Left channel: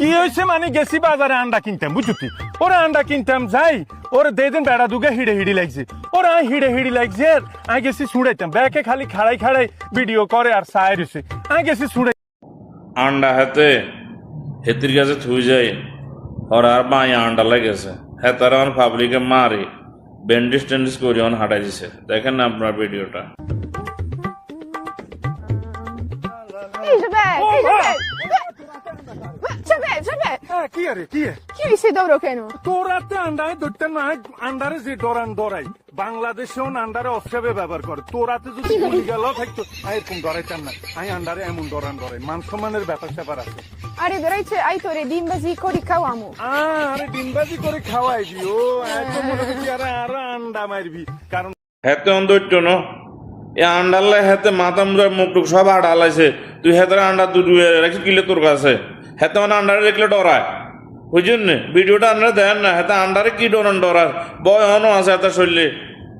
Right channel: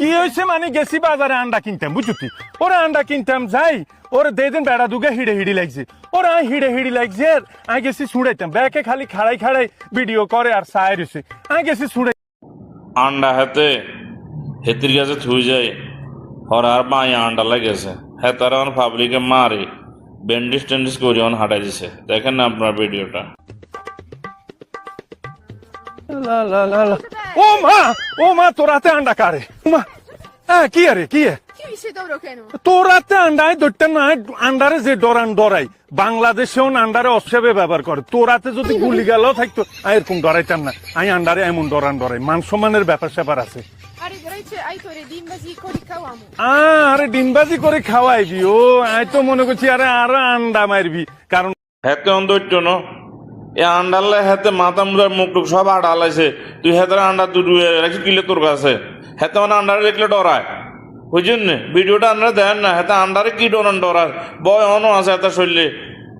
কি হয়েছে মানে গেছি বাজারে আন্ডা কিনতাম বুঝছি ওরা আন্ডা কিনতাম যাই ওর দেদিন বেড়া দুগে হিড়ে হিড়ি লাগছে ওরা হিড়ে হিড়ি লাগছে আমি গেছি ছুড়াইতাম ব্যাকে খালি খাড়াই খাড়াই ভিডিও করে আর সায় রয়েছে আমি গেছি ছুড়াই আন্ডা হাতে হেতির কাছে থুই যায় আর আর বাই আন্ডা লেগেছে হেতার আমার পাবলিকে মারে ব্যান্ডিস ট্যান্ডিস করে অন হাঁটাই দিছে দেখেন না আপনার ভিডিওটা ও মা তোরাতে আন্ডা কারে হ্যাঁ কি আরে কি তোরাতে আন্ডায় ধরতে না আন্ডারে যে ডরান ডরাই বাংলাদেশেও আন্ডারে অসেবে ব্যবহার করে তোরাতে যদি গুলি গেল থাকতো এরকম ডরাইতাম না আমি আন্ডারে এমন ডরান ডরাই মান সম্মানের ব্যাপার স্যাপার আছে আরে ডিমবাজি করে খাওয়াইবি ও আই তো মনে করছি আরে আরো আন্ডা মারবি কারণ হেতে অন্ধৈর্য ন এ আন্ডারলে হেতে মাথা মুদার মুখ টুক সব আড়ালাইছে তুই হেতার আন্ডা দুয়ে রাখি কিলে তোর কাছে হেতে মানে আন্ডারে দেখলে ডরায় বুঝছেন না ভিডিওটা আন্ডারে দেন না হেতে আন্ডারে কি ডরান ডরায় বয় অনও আছে হেতার শরীরে